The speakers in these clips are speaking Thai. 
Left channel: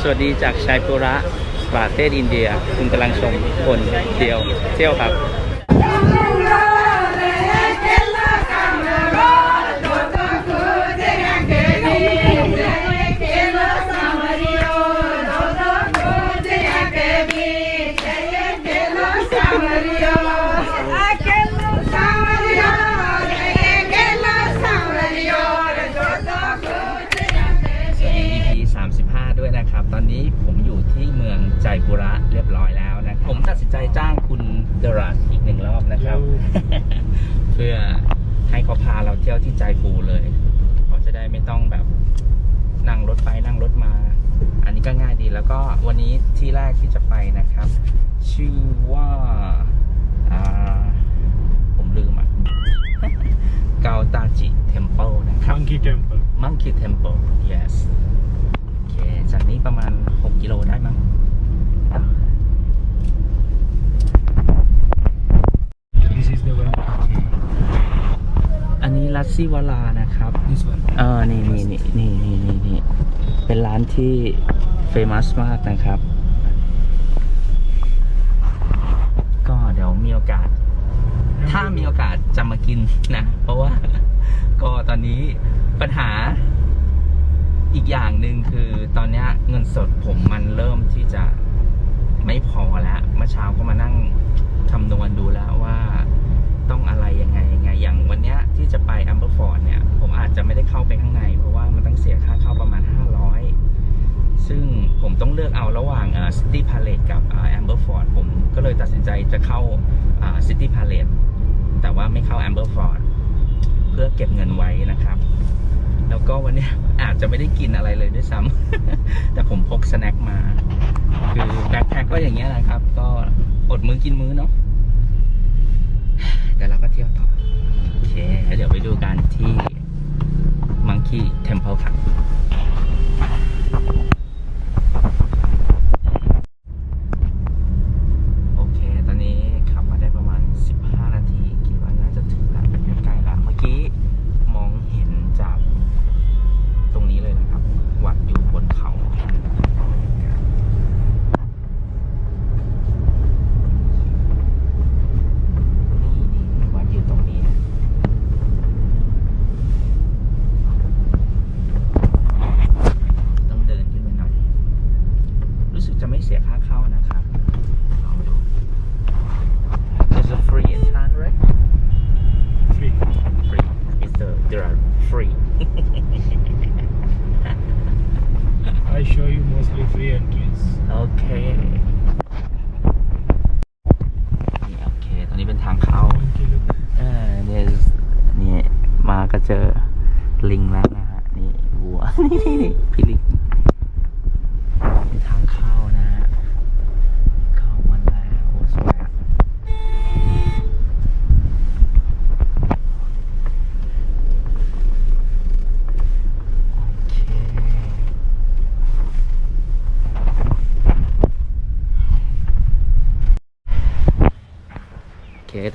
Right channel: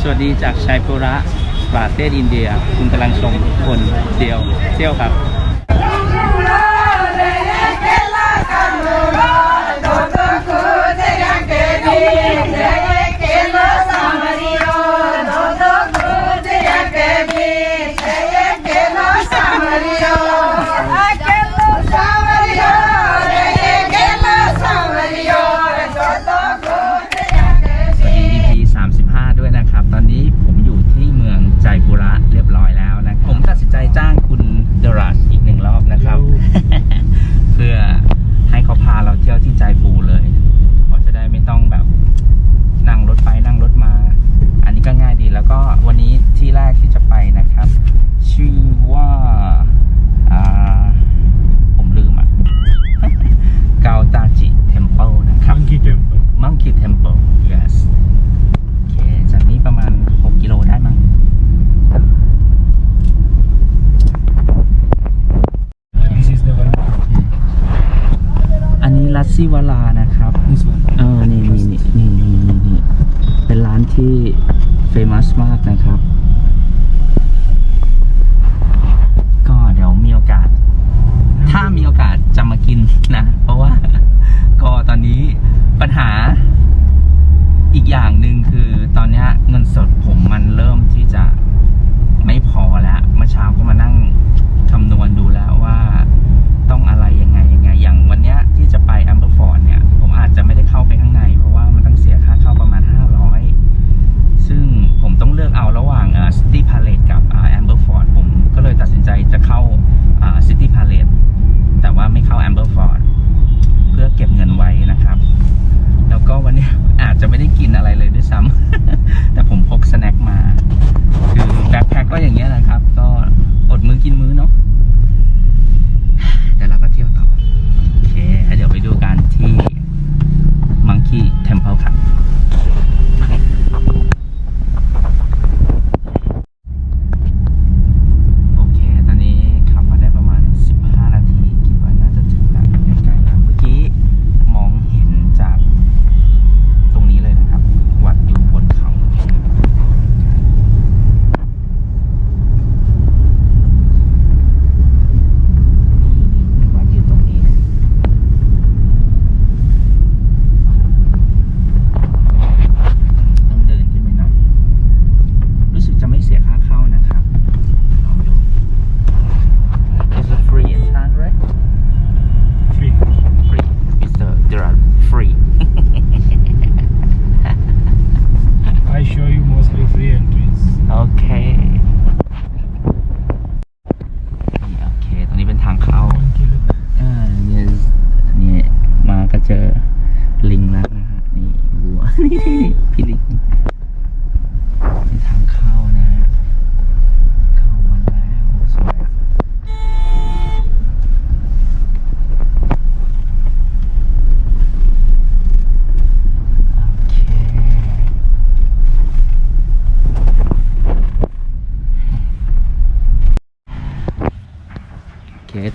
สวัสดีจากชัยปุระประเทศอินเดีย คุณกำลังชมคนเดียวเที่ยวครับ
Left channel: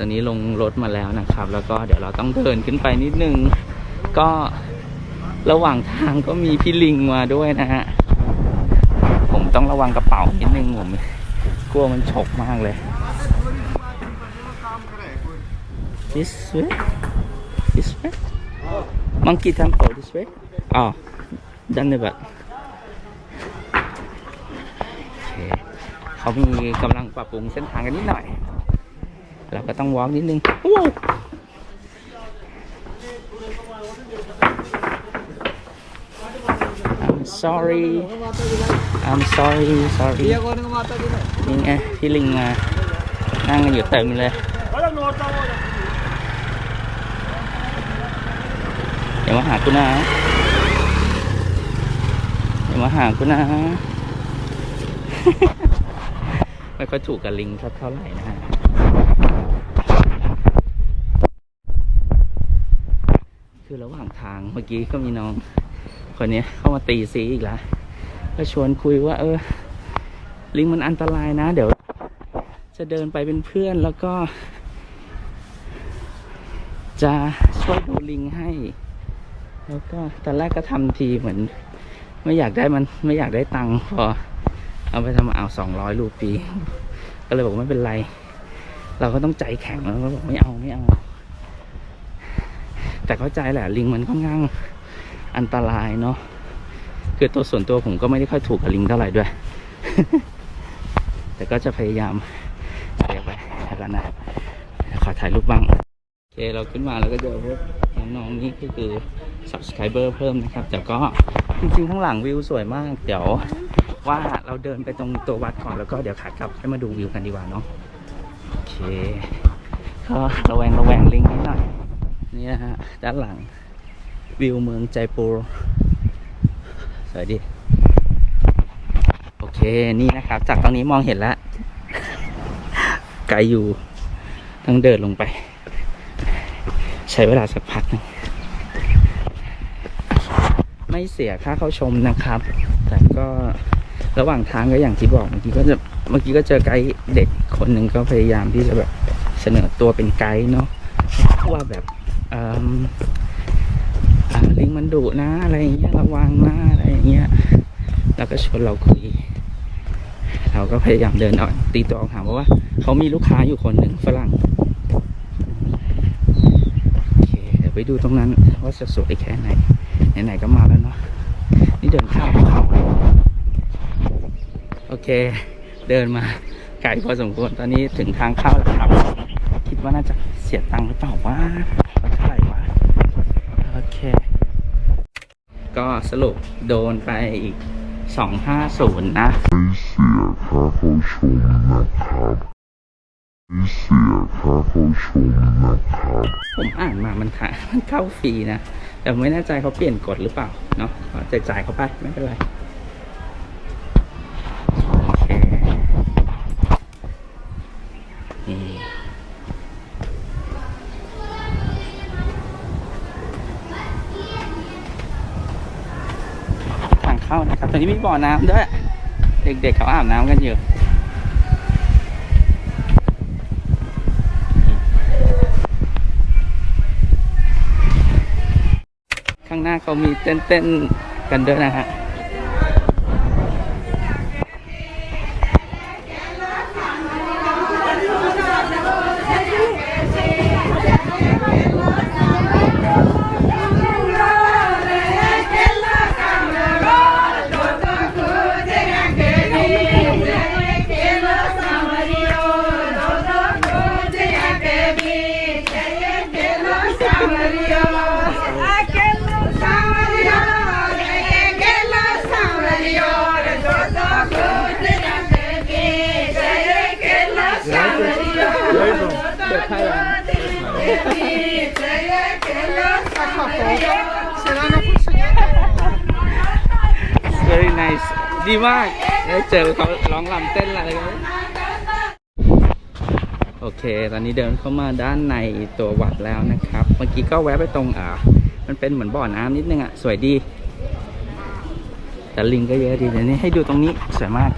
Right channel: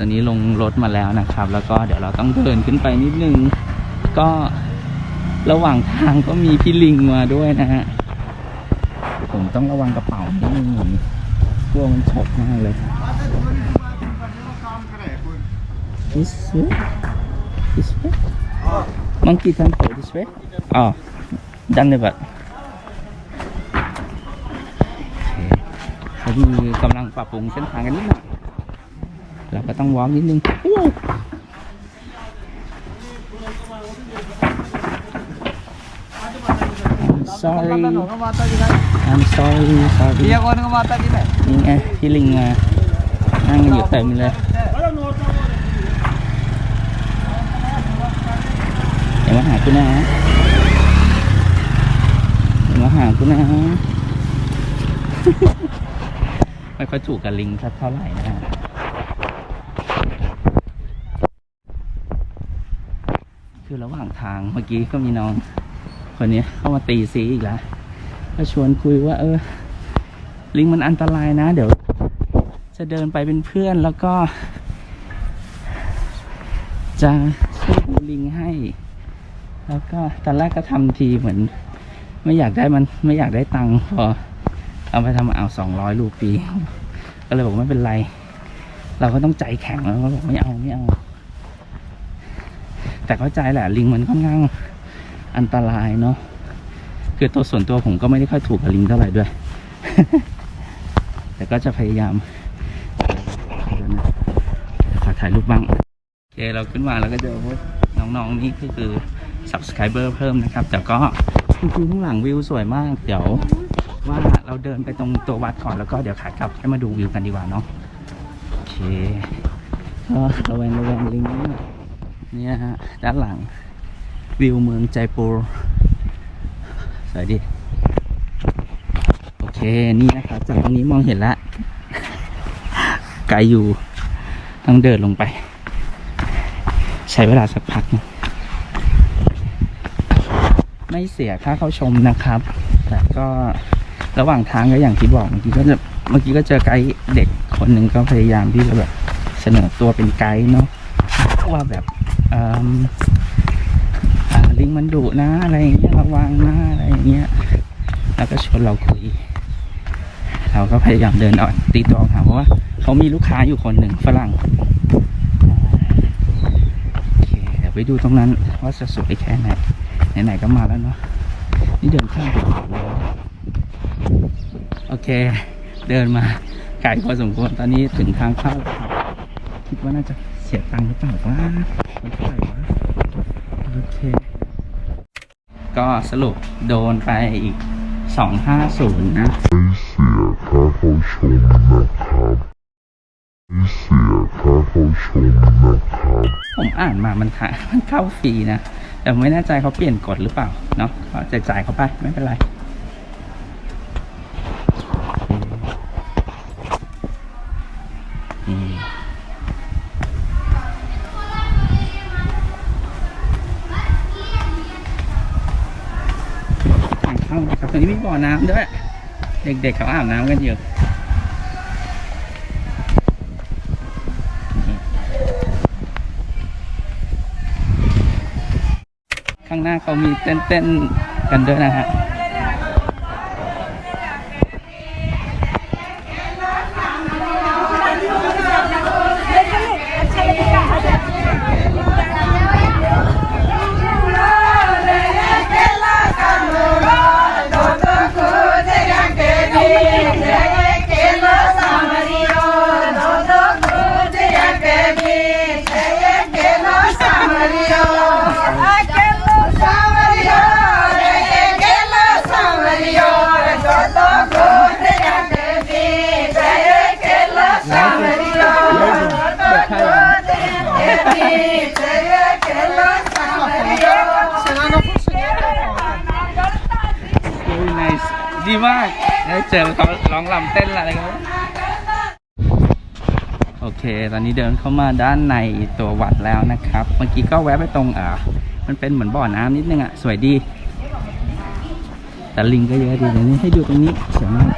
อนนี้ลงรถมาแล้วนะครับ แล้วก็เดี๋ยวเราต้องเดินขึ้นไปนิดนึง ก็ระหว่างทางก็มีพี่ลิงมาด้วยนะฮะ ผมต้องระวังกระเป๋านิดนึงผมกลัวมันฉกมากเลย This way This way Monkey Temple this way อ๋อดันเลยแบบโอเคเขามีกำลังปรับปรุงเส้นทางกันนิดหน่อย เราก็ต้องวอล์กนิดนึงว้าว I'm sorry I'm sorry sorry นี่ไงพี่ลิงมา นั่งกันอยู่เต็มเลย เดี๋ยวมาหากูนะ เดี๋ยวมาหากูนะ ไม่ค่อยถูกกับลิงสักเท่าไหร่นะฮะ คือ ระหว่างทางเมื่อกี้ก็มีน้อง คนนี้เข้ามาตีซีอีกแล้วก็ชวนคุยว่า เออ ลิงมันอันตรายนะ เดี๋ยว จะเดินไปเป็นเพื่อนแล้วก็ จะช่วยดูลิงให้ แล้วก็ตอนแรกก็ทำทีเหมือน ไม่อยากได้มันไม่อยากได้ตังค์พอ เอาไปทำเอาสองร้อยรูปี ก็เลยบอกไม่เป็นไร เราก็ต้องใจแข็งแล้วก็บอกไม่เอาไม่เอา แต่เข้าใจแหละลิงมันค่อนข้างอันตรายเนาะคือตัวส่วนตัวผมก็ไม่ได้ค่อยถูกกับลิงเท่าไหร่ด้วย แต่ก็จะพยายามเดี๋ยไปแล้วกันนะขอถ่ายรูปบ้างโอเคเราขึ้นมาแล้วก็เจอพวกน้องๆนี่ก็คือ subscriber เพิ่มนะครับ แต่ก็จริงๆข้างหลังวิวสวยมาก เดี๋ยวว่าเราเดินไปตรงตัววัดก่อนแล้วก็เดี๋ยวขากลับให้มาดูวิวกันดีกว่าเนาะโอเคก็ระแวงระแวงลิงนิดหน่อย นี่นะฮะ ด้านหลัง วิวเมืองใจปูสวยดีโอเคนี่นะครับ จากตรงนี้มองเห็นแล้วไกลอยู่ต้องเดินลงไป ใช้เวลาสักพักหนึงไม่เสียค่าเข้าชมนะครับ แต่ก็ระหว่างทางก็อย่างที่บอกเมื่อกี้ก็จะเมื่อกี้ก็เจอไกด์เด็กคนหนึ่งก็พยายามที่จะแบบเสนอตัวเป็นไกด์เนาะว่าแบบ ลิงมันดุนะอะไรอย่างเงี้ยระวังนะอะไรอย่างเงี้ยแล้วก็ชวนเราคุย เราก็พยายามเดินออกตีตัวออกห่างเพราะว่าเขามีลูกค้าอยู่คนหนึ่งฝรั่งโอเคเดี๋ยวไปดูตรงนั้นว่าจะสวยแค่ไหนไหนๆก็มาแล้วเนาะนี่เดินข้ามภูเขาเลยโอเค เดินมาไกลพอสมควรตอนนี้ถึงทางเข้าแล้วครับ คิดว่าน่าจะเสียตังค์หรือเปล่าวะมันเท่าไหร่วะ โอเค ก็สรุปโดนไปอีก 250 นะไม่เสียค่าเข้าชมนะครับไม่เสียค่าเข้าชมนะครับ ผมอ่านมามันค่ะมันเข้าฟรีนะ แต่ไม่แน่ใจเขาเปลี่ยนกฎหรือเปล่า เนาะก็จ่ายจ่ายเขาไปไม่เป็นไร เข้านะครับตรงนี้มีบ่อน้ำด้วย เด็กๆเขาอาบน้ำกันอยู่ข้างหน้าเขามีเต้นๆกันด้วยนะฮะ very nice ดีมากได้เจอเขาร้องลำเต้นอะไรกันโอเค ตอนนี้เดินเข้ามาด้านในตัววัดแล้วนะครับ เมื่อกี้ก็แวะไปตรงอ่ามันเป็นเหมือนบ่อน้ำนิดนึงอะ สวยดี แต่ลิงก็เยอะดีเดี๋ยวนี้ให้ดูตรงนี้สวยมาก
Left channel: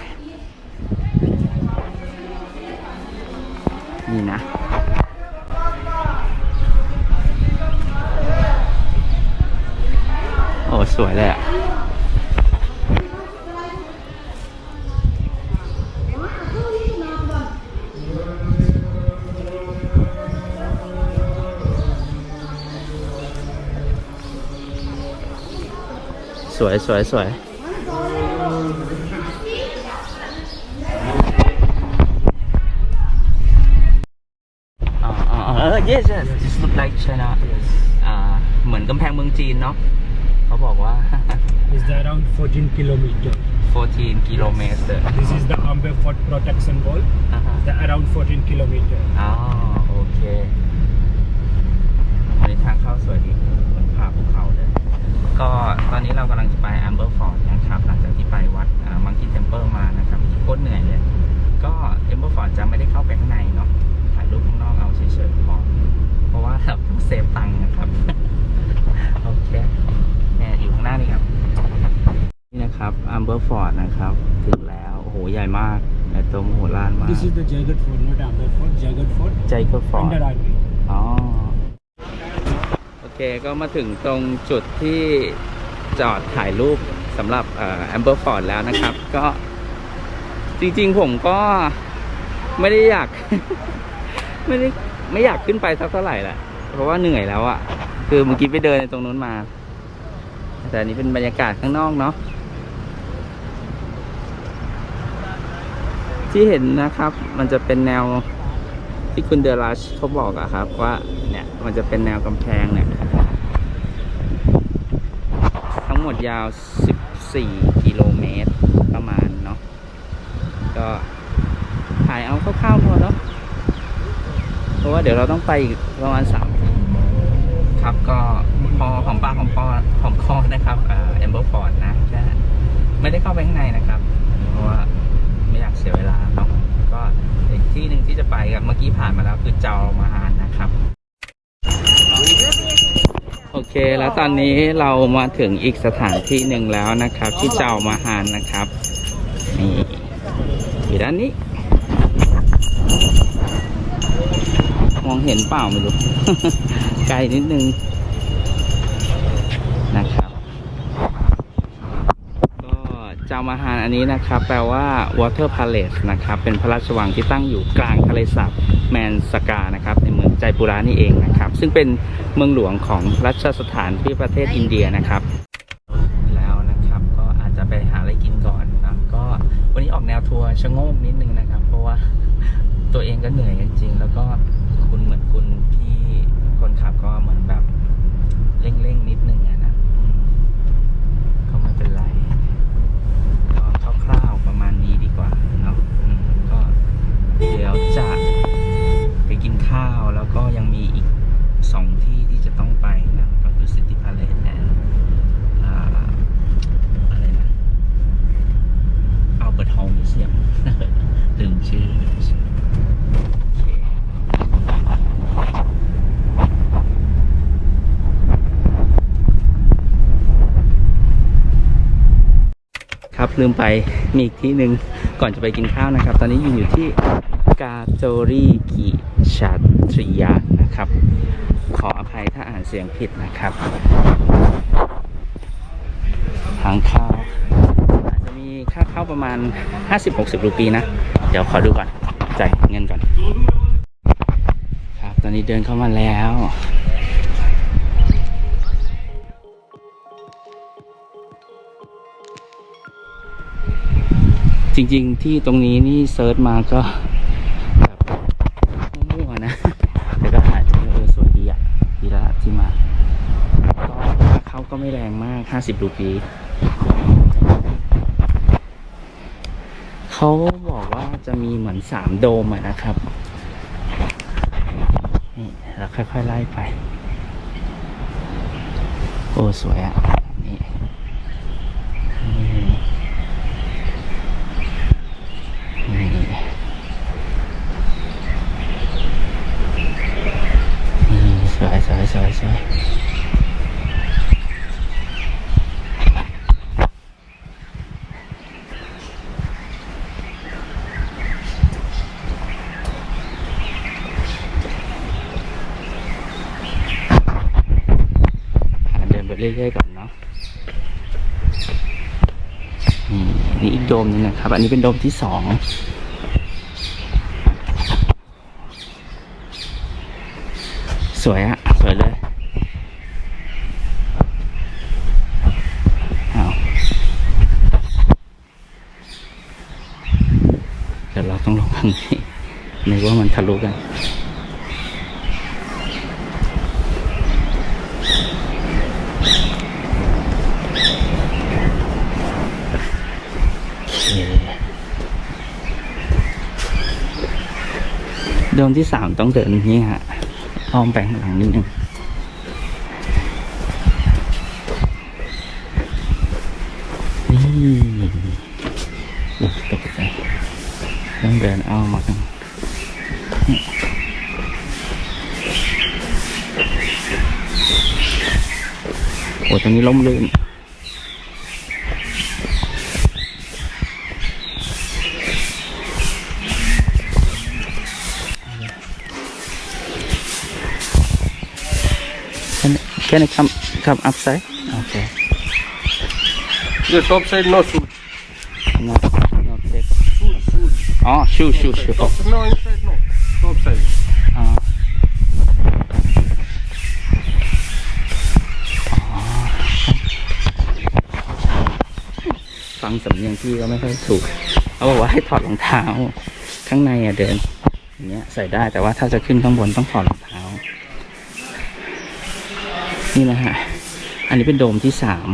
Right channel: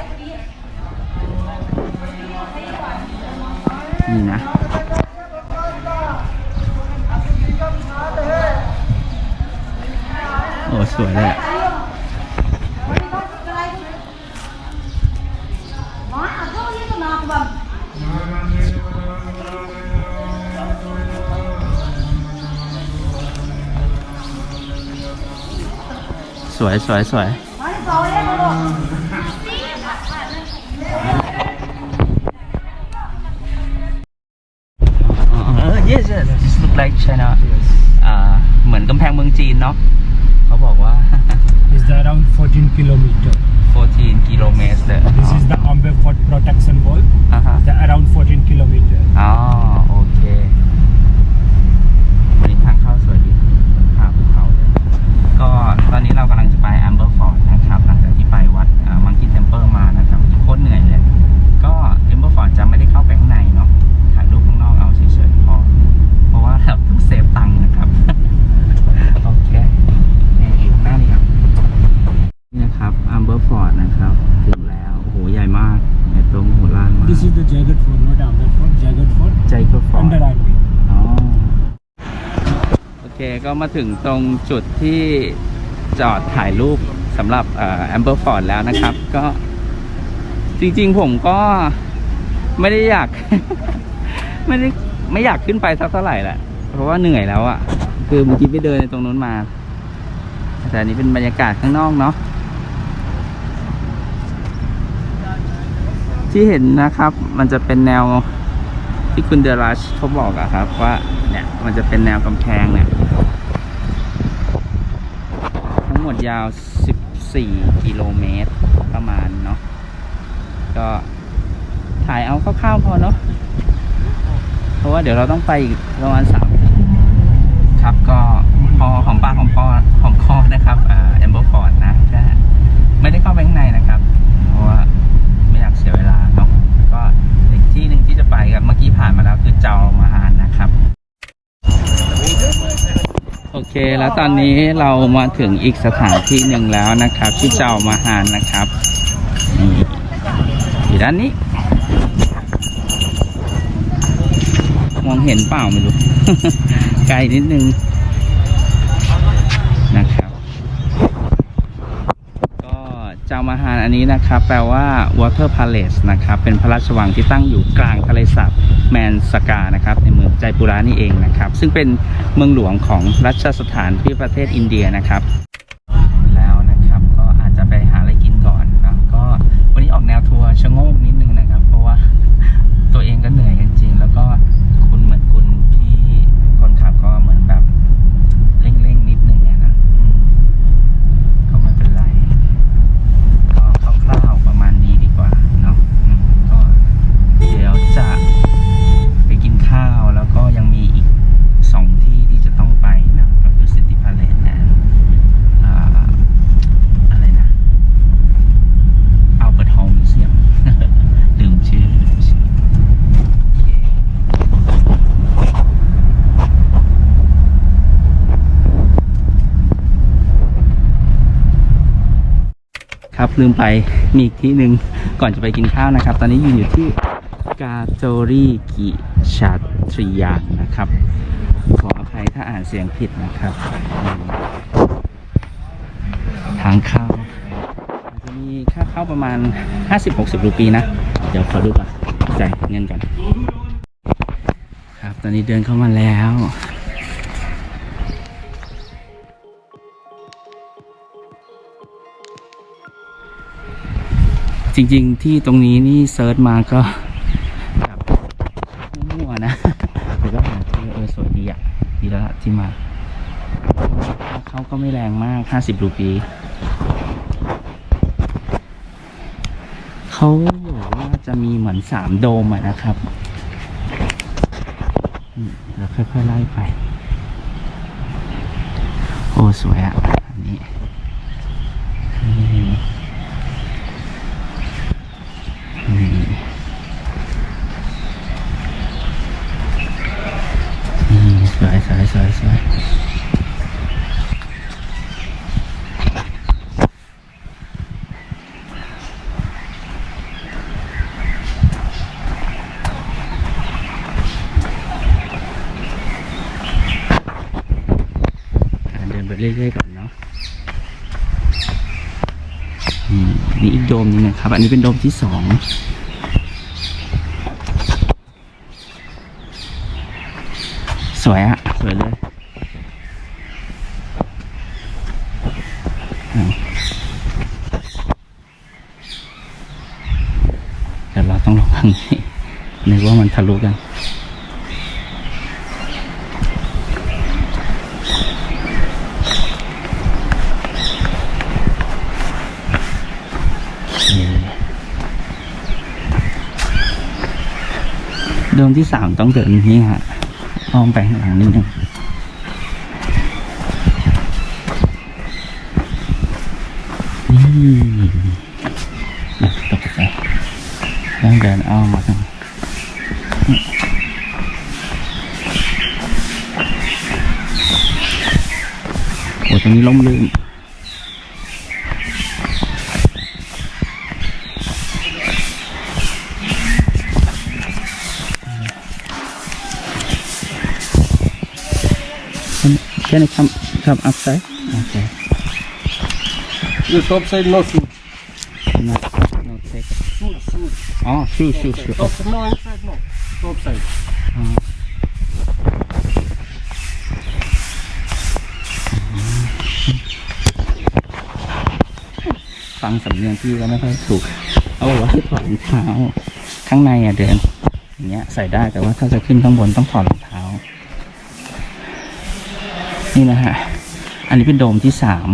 นี่นะ โอ้ สวยเลยอะสวยสวยสวยอ๋ออ๋อเออ yes yes this look like China อ่าเหมือนกำแพงเมืองจีนเนาะเขา บอกว่า Is the around 14 kilometer. 14กิโลเมตรเลย This is the Amber Fort protection wall. อ่าฮะ The around 14 kilometer. อ๋อโอเควันนี้ทางเข้าสวยดีเหมือนผ่าภูเขาเลยก็ตอนนี้เรากำลังจะไป Amber Fort นะครับหลังจาก This is the Jagat Fort, not Amber Fort. Jagat Fort ใจก็ฟอร์ under army. อ๋อโอเคก็มาถึงตรงจุดที่จอดถ่ายรูปสำหรับแอมเบอร์ฟอร์ดแล้วนะครับ ก็จริงๆผมก็ไม่ได้อยาก ไม่ได้ไม่อยากขึ้นไปสักเท่าไหร่แหละ เพราะว่าเหนื่อยแล้วอะ่ะ คือเมื่อกี้ไปเดินในตรงนู้นมา แต่อันนี้เป็นบรรยากาศข้างนอกเนาะ ที่เห็นนะครับ มันจะเป็นแนวที่คุณเดรัชเขาบอกอะครับ ว่าเนี่ยมันจะเป็นแนวกำแพงเนี่ย ทั้งหมดยาว 14 กิโลเมตรประมาณเนาะก็ถ่ายเอาคร่าวๆพอเนาะเพราะว่าเดี๋ยวเราต้องไปอีกประมาณ3ทีครับก็พอของปากของคอของคอนะครับอ่าแอมเบอร์ฟอร์ดนะก็ไม่ได้เข้าไปข้างในนะครับ เพราะว่าไม่อยากเสียเวลา ที่หนึ่งที่จะไปกับเมื่อกี้ผ่านมาแล้วคือเจ้ามาฮานนะครับ โอเค แล้วตอนนี้เรามาถึงอีกสถานที่หนึ่งแล้วนะครับ ที่เจ้ามาฮานนะครับนี่อยู่ด้านนี้ มองเห็นเปล่าไม่รู้ ไกลนิดนึงนะครับ ก็เจ้ามาฮานอันนี้นะครับแปลว่า water palace นะครับเป็นพระราชวังที่ตั้งอยู่กลางทะเลสาบแมนสกานะครับในเมืองใจปุรานี่เองนะครับ ซึ่งเป็นเมืองหลวงของรัชสถานที่ประเทศอินเดียนะครับ แล้วนะครับก็อาจจะไปหาอะไรกินก่อนนะก็วันนี้ออกแนวทัวร์ชะโงกนิดนึงนะครับ เพราะว่า ตัวเองก็เหนื่อยจริงๆ แล้วก็คุณเหมือนคุณพี่คนขับก็เหมือนแบบเร่งๆนิดนึงอะนะอืมก็ไม่เป็นไร ก็คร่าวๆประมาณนี้ดีกว่าเนาะอืมก็เดี๋ยวจะไปกินข้าวแล้วก็ยังมีอีกสองที่ที่จะต้องไปนะ ก็คือ City Palace และอ่าอะไรนะอัลเบิร์ตฮอลล์มิวเซียม ลืมชื่อลืมชื่อ โอเค ครับลืมไปมีอีกที่หนึ่งก่อนจะไปกินข้าวนะครับ ตอนนี้ยืนอยู่ที่กาโจรีกิชาตริยานะครับ ขออภัยถ้าอ่านเสียงผิดนะครับ ทางเข้าอาจจะมีค่าเข้าประมาณ 50-60 รูปีนะ เดี๋ยวขอดูก่อนจ่ายเงินก่อน ครับ ตอนนี้เดินเข้ามาแล้ว จริงๆ ที่ตรงนี้นี่เซิร์ชมาก็แบบมั่วๆนะ แต่ก็หาเจอเออสวยดีอะดีแล้วล่ะที่มาก็ค่าเข้าก็ไม่แรงมาก 50รูปีเขาบอกว่าจะมีเหมือนสามโดมอะนะครับนี่เราค่อยๆไล่ไป โอ้ สวยอะอันนี้นี่นี่ นี่สวยสวยสวยสวยหาเดินไปเรื่อยๆก่อนเนาะนี่อันนี่อีกโดมหนึงนะครับ อันนี้เป็นโดมที่สอง สวยอะสวยเลยเอาเดี๋ยวเราต้องลงข้างนี้นึกว่ามันทะลุกันเดิมที่สามต้องเดินนี่ฮะ อ้อมไปข้างหลังนิดนึงนี่อุ๊ยตกใจต้องเดินอ้อมมาทางโอ้ตรงนี้ล้มลื่น Can can I come come outside? Okay. The top side no shoot. not not take Shoot, shoot. อ๋อชูชูชู Top side. No, inside no. Top side. อ๋ออ๋อฟังสำเนียงพี่ก็ไม่ค่อยถูกเขาบอกว่าให้ถอดรองเท้า ข้างในอะเดิน อย่างเงี้ยใส่ได้แต่ว่าถ้าจะขึ้นข้างบนต้องถอดรองเท้า นี่นะฮะ อันนี้เป็นโดมที่สาม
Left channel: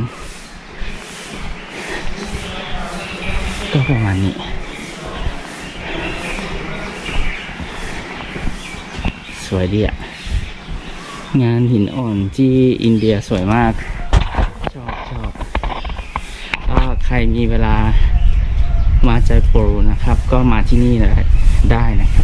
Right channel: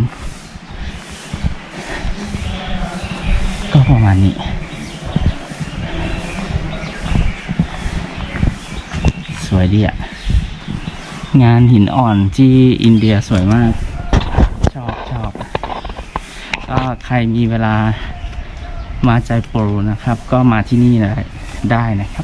ก็ประมาณนี้ สวยดีอะงานหินอ่อนที่อินเดียสวยมาก ชอบชอบก็ใครมีเวลามาใจโปรนะครับ ก็มาที่นี่ได้ได้นะครับ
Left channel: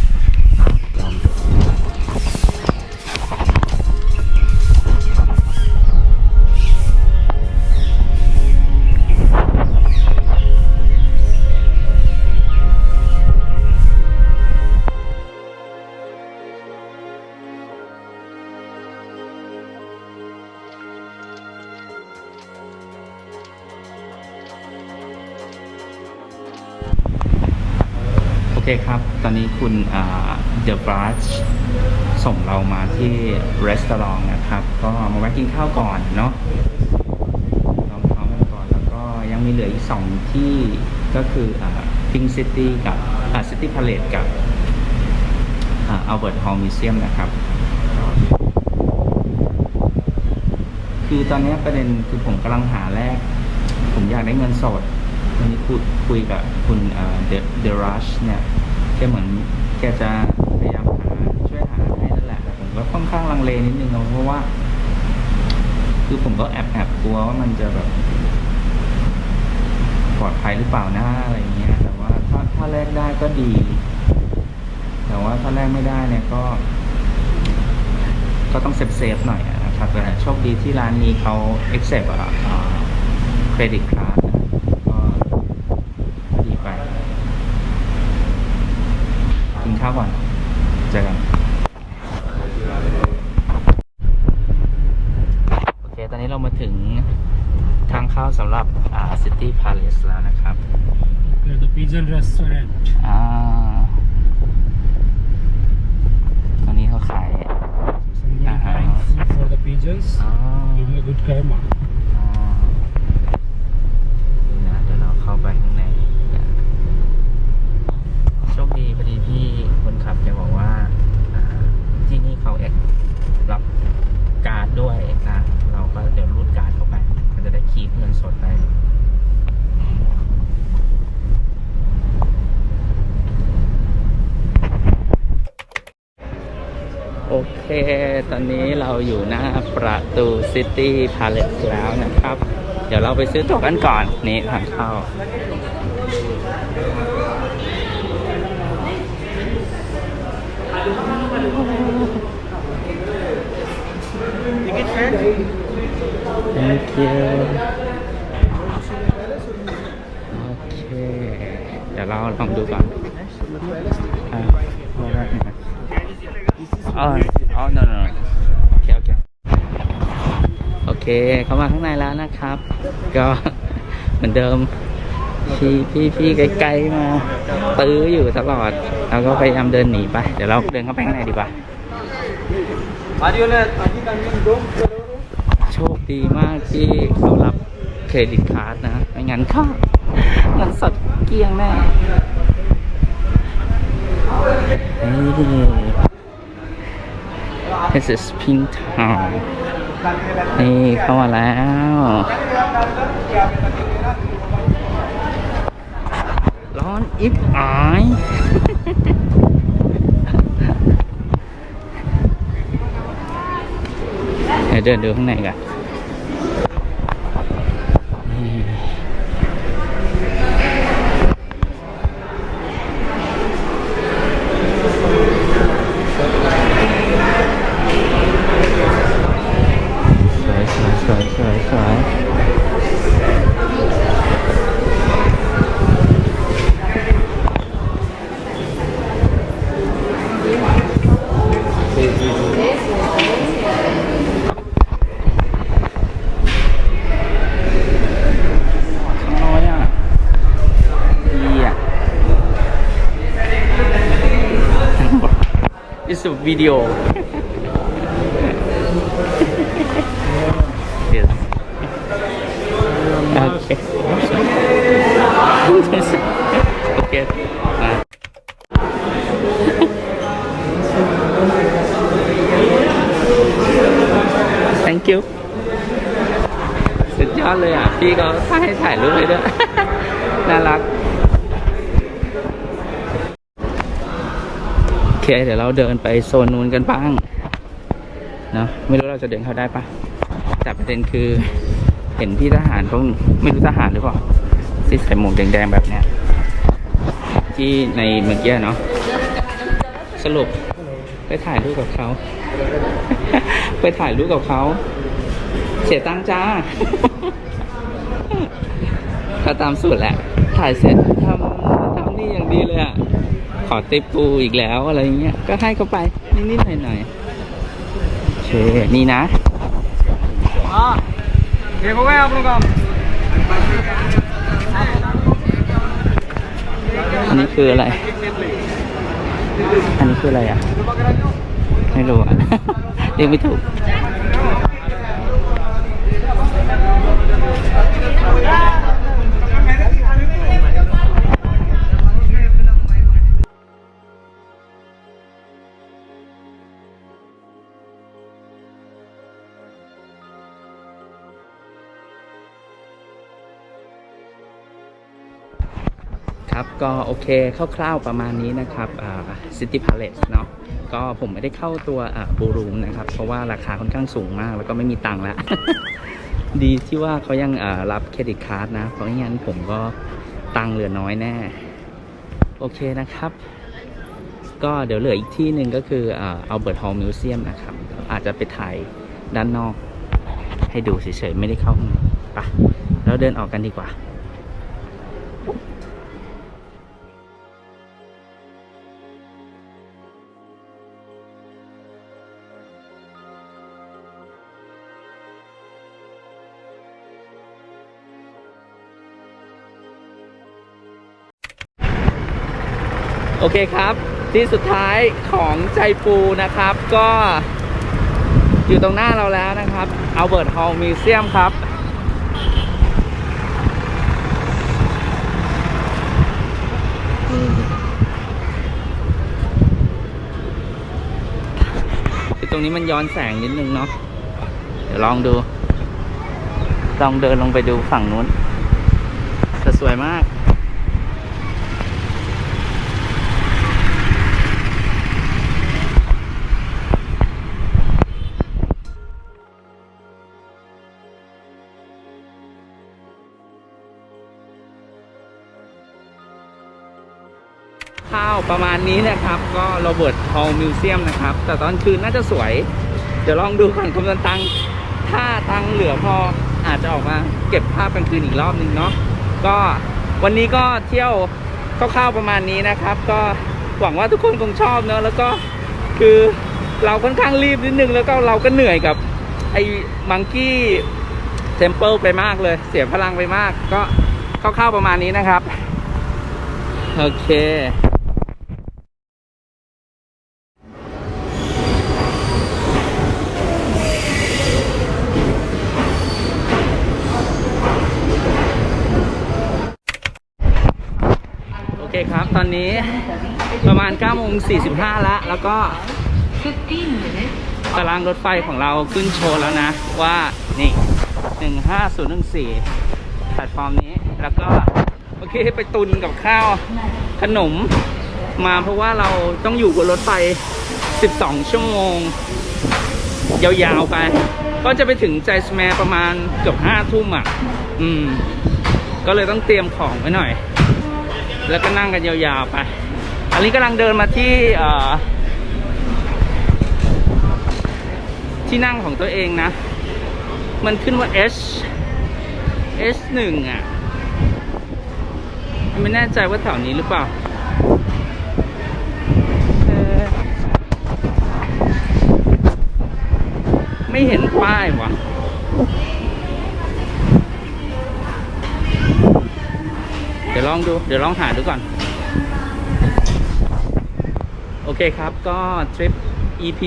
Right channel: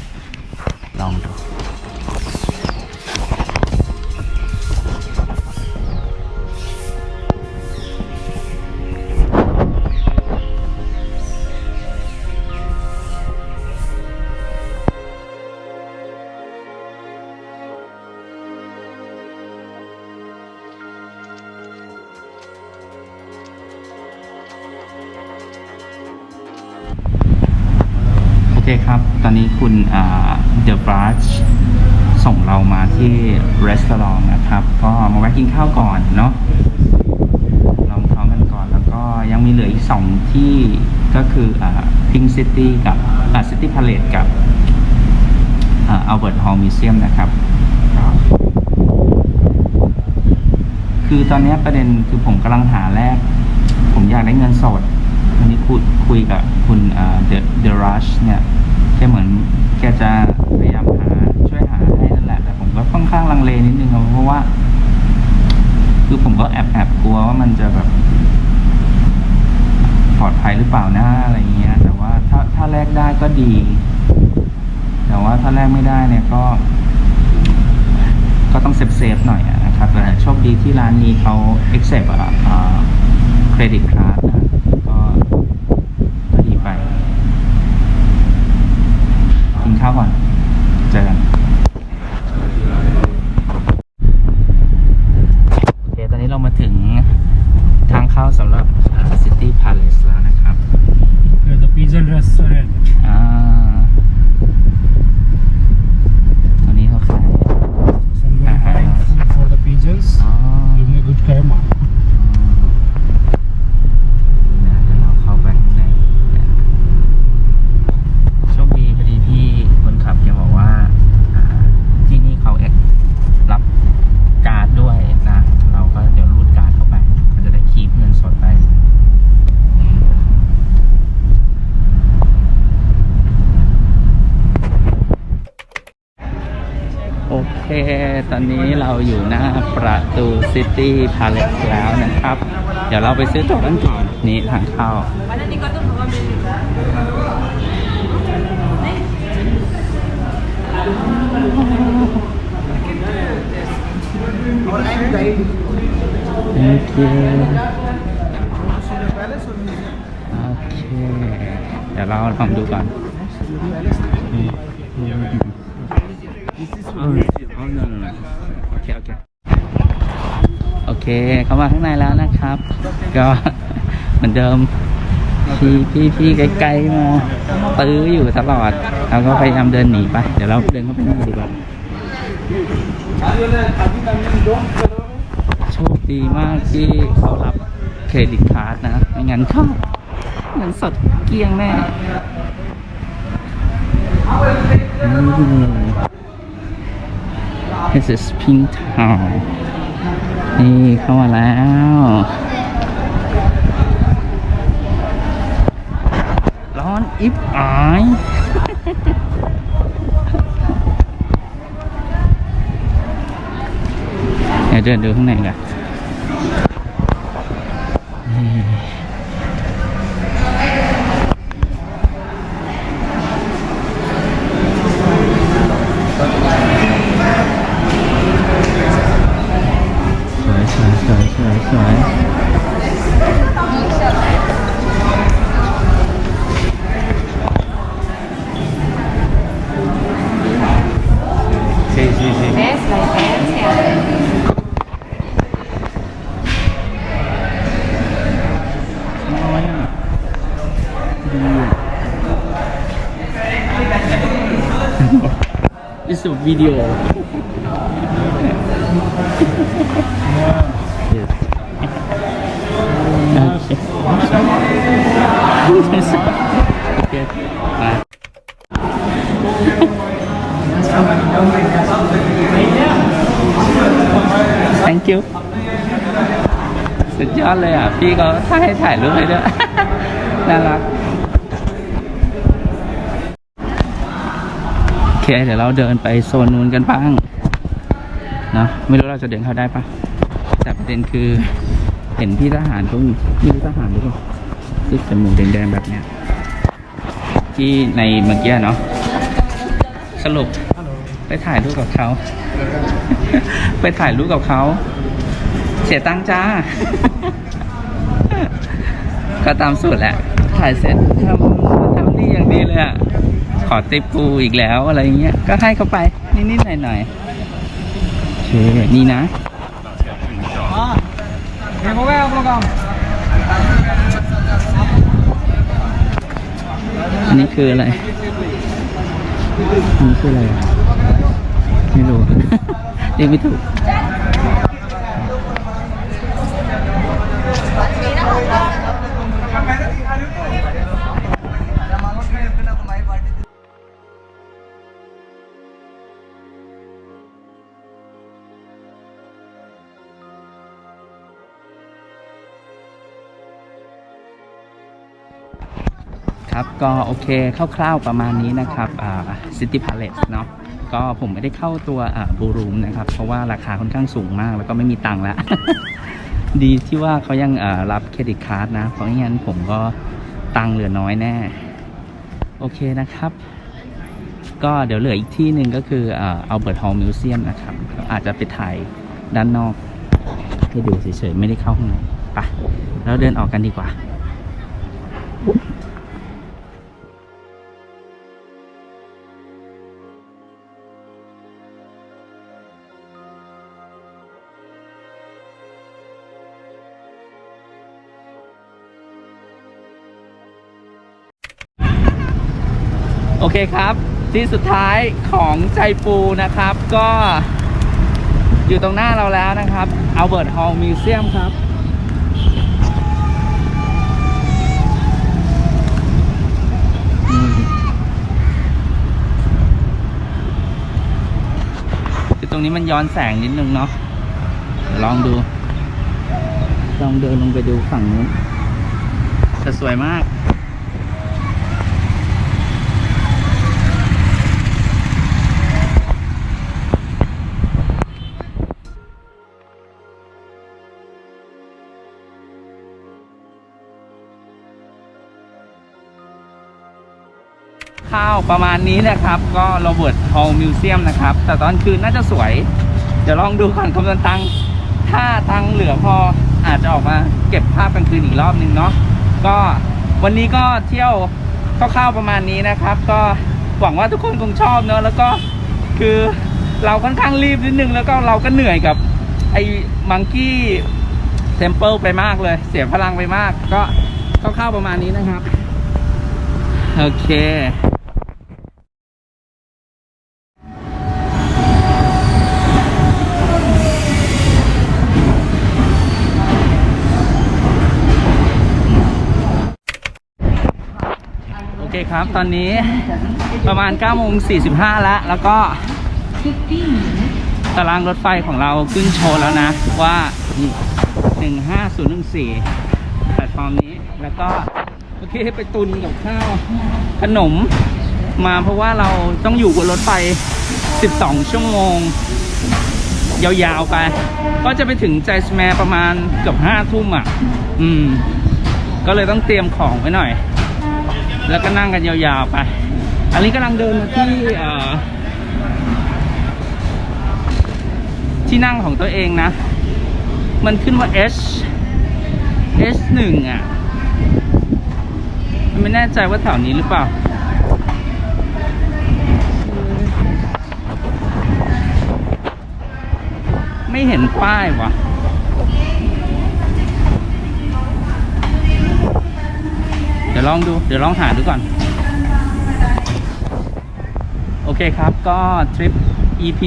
โอเคครับ ตอนนี้คุณเดอะบรัชส่งเรามาที่ร้านนะครับ ก็มาแวะกินข้าวก่อนเนาะลองท้องกันก่อน แล้วก็ยังมีเหลืออีกสองที่ก็คือพิงซิตี้กับซิตี้พาเลตกับอัลเบิร์ตฮอลล์มิวเซียมนะครับ คือตอนนี้ประเด็นคือผมกำลังหาแรก ผมอยากได้เงินสดวันนี้คุยคุยกับคุณเดอะรัชเนี่ย กเหมือนแกจะพยายามหาช่วยหาให้นั่นแหละ แต่ผมก็ค่อนข้างลังเลนิดนึงอะเพราะว่า คือผมก็แอบแอบกลัวว่ามันจะแบบปลอดภัยหรือเปล่านะอะไรเงี้ย แต่ว่าถ้าถ้าแลกได้ก็ดี แต่ว่าถ้าแลกไม่ได้เนี่ยก็ ก็ต้องเซฟเซฟๆหน่อยนะครับแต่โชคดีที่ร้านนี้เขา accept อะเครดิตการ์ดนะก็ก็ดีไป เช้าก่อน เจอกัน โอเค ตอนนี้เรามาถึงทางเข้าสำหรับอ่า City Palace แล้วนะครับ Yeah, the pigeon restaurant. อ่าตอนนี้เขาขาย Someone Uh-huh, buying nice. food for the pigeons. อ๋อ Giving a good karma. อ๋อนี่นะเดี๋ยวเราเข้าไปข้างในกันโชคดีพอดีพี่คนขับแกบอกว่าอ่า ที่นี่เขาเอ็กรับการ์ดด้วยนะ เราก็เดี๋ยวรูดการ์ดเข้าไป ก็จะได้คีบเงินสดไป โอเค ตอนนี้เราอยู่หน้าประตูซิตี้พาเลสแล้วนะครับ เดี๋ยวเราไปซื้อตั๋วกันก่อนนี่ทางเข้า Thank you โอเค เดี๋ยวเราลองดูก่อนอ่า อ๋อ no no โอเค โอเค โอเค เข้ามาข้างในแล้วนะครับ ก็เหมือนเดิม พี่พี่พี่ไกลๆมาตื้ออยู่ตลอด เราก็พยายามเดินหนีไป เดี๋ยวเราเดินเข้าไปข้างในดีกว่าโชคดีมากที่เขารับเครดิตการ์ดนะ ไม่งั้นก็เงินสดเกลี้ยงแน่ This is Pink Town นี่เข้ามาแล้ว ร้อนอิบอายเดี๋ยวเดินดูข้างในกัน video yes okay okay bye thank you สุดยอดเลยอะ พี่เขาถ้าให้ถ่ายรูปเลยด้วย น่ารัก เคเดี๋ยวเราเดินไปโซนนู้นกันบ้างเนาะไม่รู้เราจะเดินเข้าได้ปะแต่ประเด็นคือเห็นพี่ทหารเขาไม่รู้ทหารหรือเปล่าที่ใส่หมวกแดงๆแบบเนี้ยที่ในเมื่อกี้เนาะสรุปไปถ่ายรูปกับเขา ไปถ่ายรูปกับเขา เสียตังค์จ้า ก็ตามสูตรแหละ ถ่ายเสร็จทำทำนี่อย่างดีเลยอะ อติปกูอีกแล้วอะไรเงี้ย ก็ให้เขาไป นิดๆหน่อยๆโอเคนี่นะอันนี้คืออะไร อันนี้คืออะไรอะ ไม่รู้อะเรียกไม่ถูก ครับ ก็โอเคคร่าวๆประมาณนี้นะครับอ่า City Palace เนาะก็ผมไม่ได้เข้าตัวอ่าบูรูมนะครับ เพราะว่าราคาค่อนข้างสูงมาก แล้วก็ไม่มีตังค์แล้ว ดีที่ว่าเขายังอ่ารับเครดิตการ์ดนะ เพราะไม่งั้นผมก็ตังค์เหลือน้อยแน่ โอเคนะครับ ก็เดี๋ยวเหลืออีกที่หนึ่งก็คืออ่า Albert Hall Museum นะครับ อาจจะไปถ่ายด้านนอก ให้ดูเฉยๆไม่ได้เข้าข้างในไปแล้วเดินออกกันดีกว่า คครับที่สุดท้ายของใจปูนะครับ ก็อยู่ตรงหน้าเราแล้วนะครับ Albert Hall Museum ครับตรงนี้มันย้อนแสงนิดนึงเนาะเดี๋ยวลองดู ลองเดินลงไปดูฝั่งนู้นจะสวยมาก ประมาณนี้นะครับก็โรเบิร์ตฮอลล์มิวเซียมนะครับ แต่ตอนคืนน่าจะสวย เดี๋ยวลองดูก่อนคำนวณตังค์ถ้าตังค์เหลือพออาจจะออกมาเก็บภาพกลางคืนอีกรอบนึงเนาะก็วันนี้ก็เที่ยวคร่าวๆประมาณนี้นะครับ ก็หวังว่าทุกคนคงชอบเนอะแล้วก็คือเราค่อนข้างรีบนิดนึงแล้วก็เราก็เหนื่อยกับไอ้มังกี้เทมเพิลไปมากเลย เสียพลังไปมาก ก็คร่าวๆประมาณนี้นะครับ โอเค เคครับ ตอนนี้ประมาณ9โมง45แล้ว แล้วก็ตารางรถไฟของเราขึ้นโชว์แล้วนะ ว่านี่ 15014แพลตฟอร์มนี้แล้วก็โอเคไปตุนกับข้าวขนมมาเพราะว่าเราต้องอยู่บนรถไฟ 12 ชั่วโมง ยาวๆไป ก็จะไปถึงใจสแมร์ประมาณเกือบ5ทุ่มอะ อืม ก็เลยต้องเตรียมของไว้หน่อย แล้วก็นั่งกันยาวๆไป อันนี้กำลังเดินมาที่ที่นั่งของตัวเองนะ มันขึ้นว่า H H หนึ่งอะ ไม่แน่ใจว่าแถวนี้หรือเปล่าไม่เห็นป้ายวะเดี๋ยวลองดูเดี๋ยวลองหาดูก่อนโออเคครับก็ทริป EP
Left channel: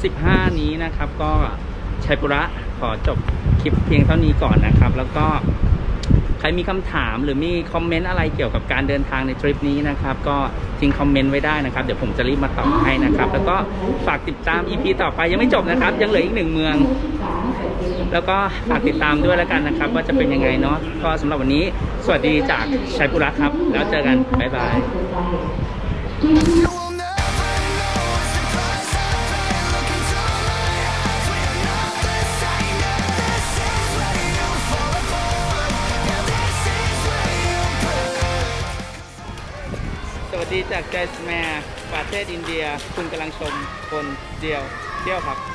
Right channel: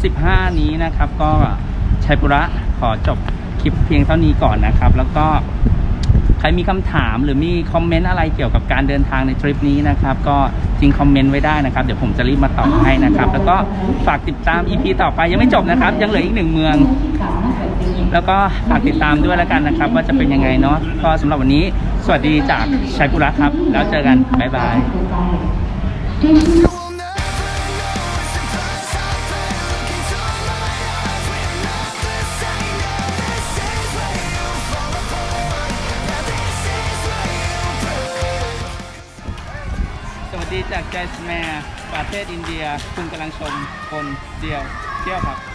35 นี้นะครับ ก็ชัยปุระขอจบคลิปเพียงเท่านี้ก่อนนะครับ แล้วก็ใครมีคำถามหรือมีคอมเมนต์อะไรเกี่ยวกับการเดินทางในทริปนี้นะครับ ก็ทิ้งคอมเมนต์ไว้ได้นะครับ เดี๋ยวผมจะรีบมาตอบให้นะครับ แล้วก็ฝากติดตาม EP ต่อไปยังไม่จบนะครับ ยังเหลืออีกหนึ่งเมือง แล้วก็ฝากติดตามด้วยแล้วกันนะครับ ว่าจะเป็นยังไงเนาะก็สำหรับวันนี้ สวัสดีจากชัยปุระครับ แล้วเจอกันบ๊ายบาย You will never know it's the price I pay. Look into my eyes, we are not the same. Yeah, this is where you fall apart. Yeah, this is where you break. สวัสดีจากใจสแมร์ประเทศอินเดีย คุณกำลังชมคนเดียวเที่ยวครับ